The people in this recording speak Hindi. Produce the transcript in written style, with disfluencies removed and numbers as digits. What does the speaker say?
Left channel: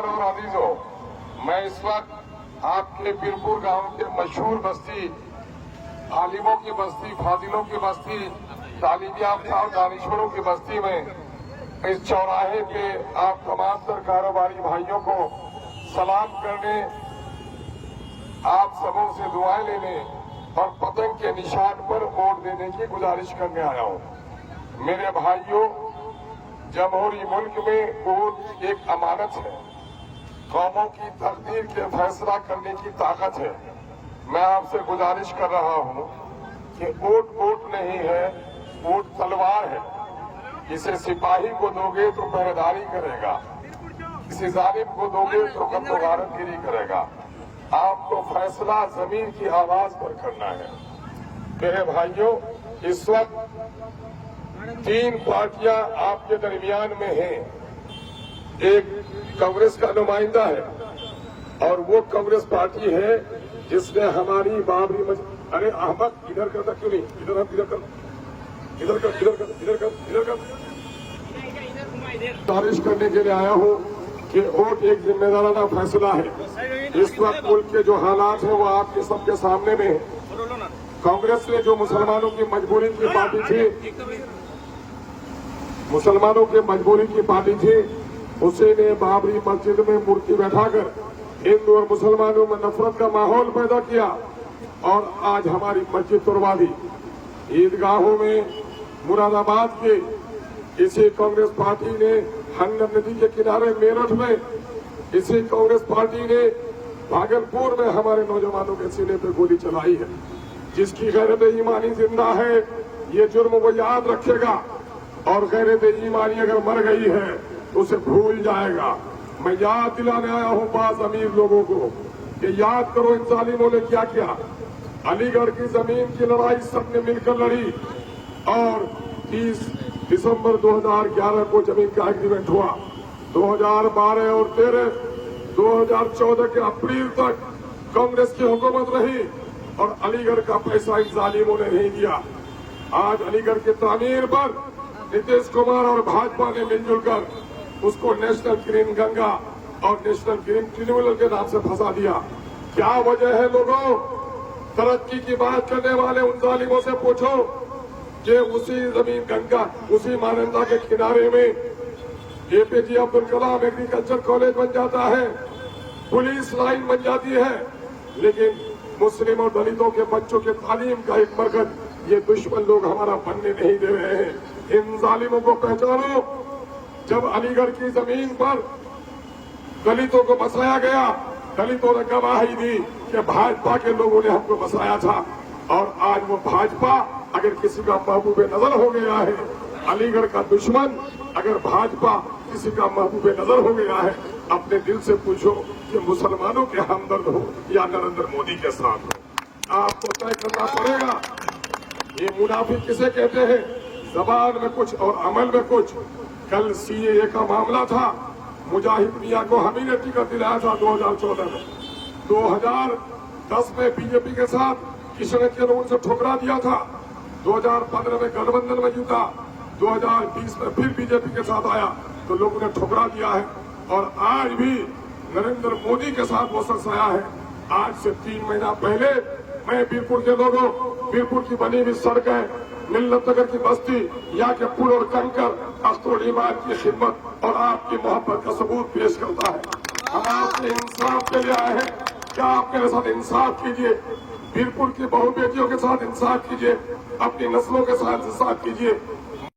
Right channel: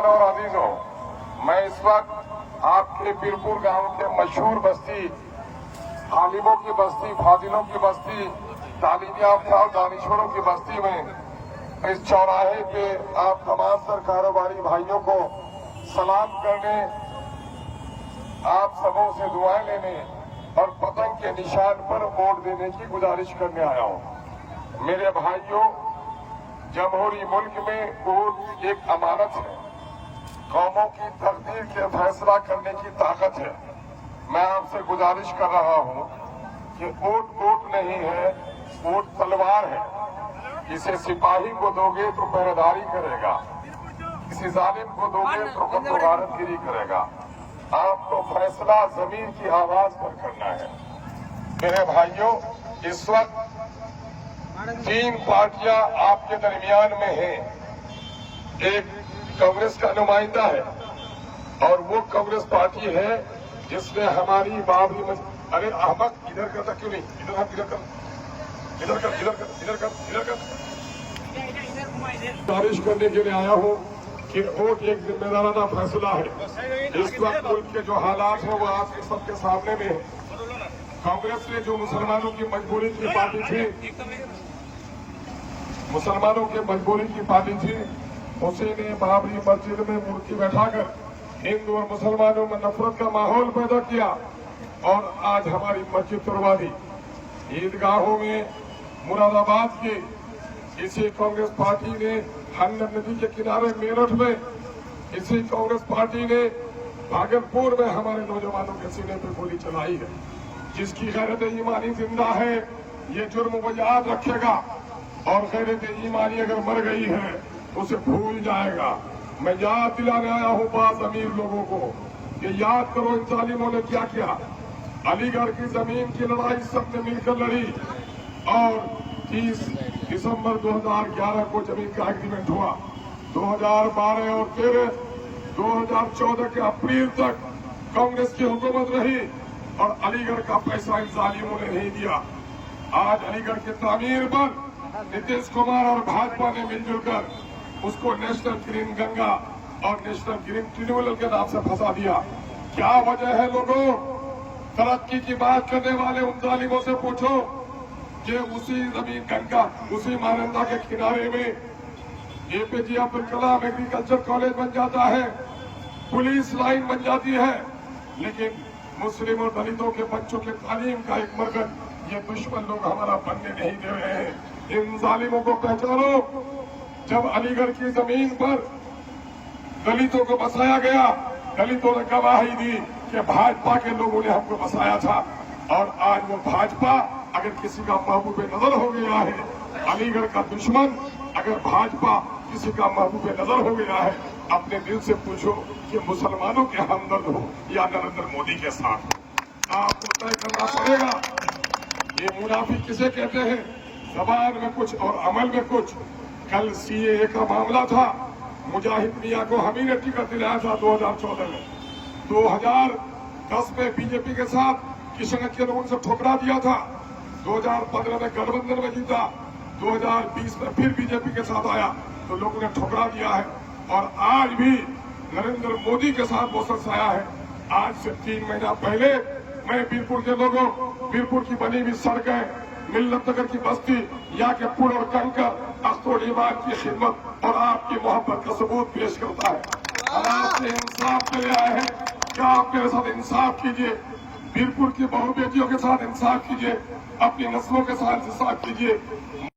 और अजीजों, मैं इस वक्त आपके बीरपुर गांव के मशहूर बस्ती, आलिमों की बस्ती, फाजिलों की बस्ती, तालीम याफ्ता और दानिशवरों की बस्ती में इस चौराहे पे आप तमाम तर कारोबारी भाइयों को सलाम करने, आप सबों से दुआएं लेने और पतंग के निशान पर वोट देने की गुजारिश करने आया हूं। मेरे भाइयों, जमहूरी मुल्क में वोट एक अमानत है, कौमों की तकदीर के फैसला करने की ताकत है। मैं आपसे गुजारिश कर रहा हूं कि वोट नहीं है, वोट तलवार है। इसे सिपाही को दोगे तो पहरेदारी करेगा, किसी जालिम को दोगे तो गारतगिरी करेगा। आपको फैसला जमीन की आवाज पर करना है। मेरे भाइयों, इस वक्त 3 पार्टियां आपके दरमियान में हैं। एक कांग्रेस का नुमाइंदा है और वो कांग्रेस पार्टी है जिसने हमारी बाबरी अरे अहमद इधर करता क्यों नहीं, इधर हम इधर कर, इधर कर, इधर कर, इधर कर, इधर कर। गुजारिश करने के लिए आया हूँ कि वोट एक जिम्मेदाराना फैसला है। इस वक्त मुल्क के जो हालात हैं वो आपके सबके सामने में है। कांग्रेस ने जो मुसलमानों की मजबूरी की पार्टी थी, मुसलमानों की मजबूरी की पार्टी थी, उसी ने बाबरी मस्जिद में मूर्ति बैठाकर हिंदू और मुसलमानों में नफरत का माहौल पैदा किया और आज हमारी मस्जिद तोड़वा दी। ईदगाहों में मुरादाबाद के इसी कांग्रेस पार्टी ने हमने नदी के किनारे मेरठ में, इसी कांग्रेस पार्टी ने भागलपुर में हमारे नौजवानों के सीने पर गोली चलाई है। जिसकी गैरत ईमानी जिंदा है, ये जुर्म वो याद रखेगा और गैरत ईमानी अगर मर गई है तो उसे भूल जाएगा। मैं याद दिलाने आया हूं पास अमीर लोगों को कि याद करो इन जालिमों ने क्या किया। अलीगढ़ की जमीन की लड़ाई सबने मिलकर लड़ी और 30 दिसंबर 2011 को जमीन का एग्रीमेंट हुआ। 2012 और 2014 के अप्रैल तक कांग्रेस की हुकूमत रही और अलीगढ़ का पैसा इन जालिमों ने नहीं दिया। आज अलीगढ़ की तामीर पर नीतीश कुमार और भाजपा ने मिलजुल कर उसको नेशनल ग्रीन गंगा और नेशनल ग्रीन ट्रिब्यूनल के नाम से फंसा दिया। क्या वजह है लोगों? तरक्की की बात करने वाले उन जालिमों से पूछो कि उसी जमीन गंगा, उसी महानंदा के किनारे में APJ Abdul Kalam agriculture college बन जाता है, पुलिस लाइन बन जाती है, लेकिन मुस्लिम और दलितों के बच्चों के तालीम का एक मरकज ये दुश्मन लोग हमारा बनने नहीं दे रहे हैं। इन जालिमों को पहचानो। जब अलीगढ़ की जमीन पर दलितों को बसाया गया, दलितों ने गवाही दी कि भाजपा के लोगों ने हमको बसाया था और आज वो भाजपा अगर किसी का महबूब नजर हो गया है, अलीगढ़ का दुश्मन अगर भाजपा किसी का महबूब नजर हो गया है, अपने दिल से पूछो कि मुसलमानों के हमदर्द हो या नरेंद्र मोदी के साथ हो। आपको तय करना पड़ेगा ये मुनाफिक किसे कहते हैं, जबान में कुछ और अमल में कुछ। कल सीएए का मामला था, मुजाहिद मियां को हम ही ने टिकट दिलाया था 2014 में। 2010 में बीजेपी के साथ किशन के रोड से ठुकरा दिया था। 2015 में गठबंधन में जीता, 2020 में फिर बीजेपी के साथ आया तो लोगों ने ठुकरा दिया है और आज भी नरेंद्र मोदी के साथ वो सरसाया है। आज से 3 महीना पहले मैं बीरपुर के लोगों, बीरपुर की बनी हुई सड़कें, मिल्लत नगर की बस्ती, यहाँ के पुल और कंकर, अख्तर ईमान की खिदमत और आपकी मोहब्बत का सबूत पेश करता है। हम आपसे इंसाफ के लिए आए हैं, क्या आप मेरे साथ इंसाफ कीजिए, बीरपुर की बहु बेटियों के साथ इंसाफ कीजिए, अपनी नस्लों के साथ इंसाफ कीजिए।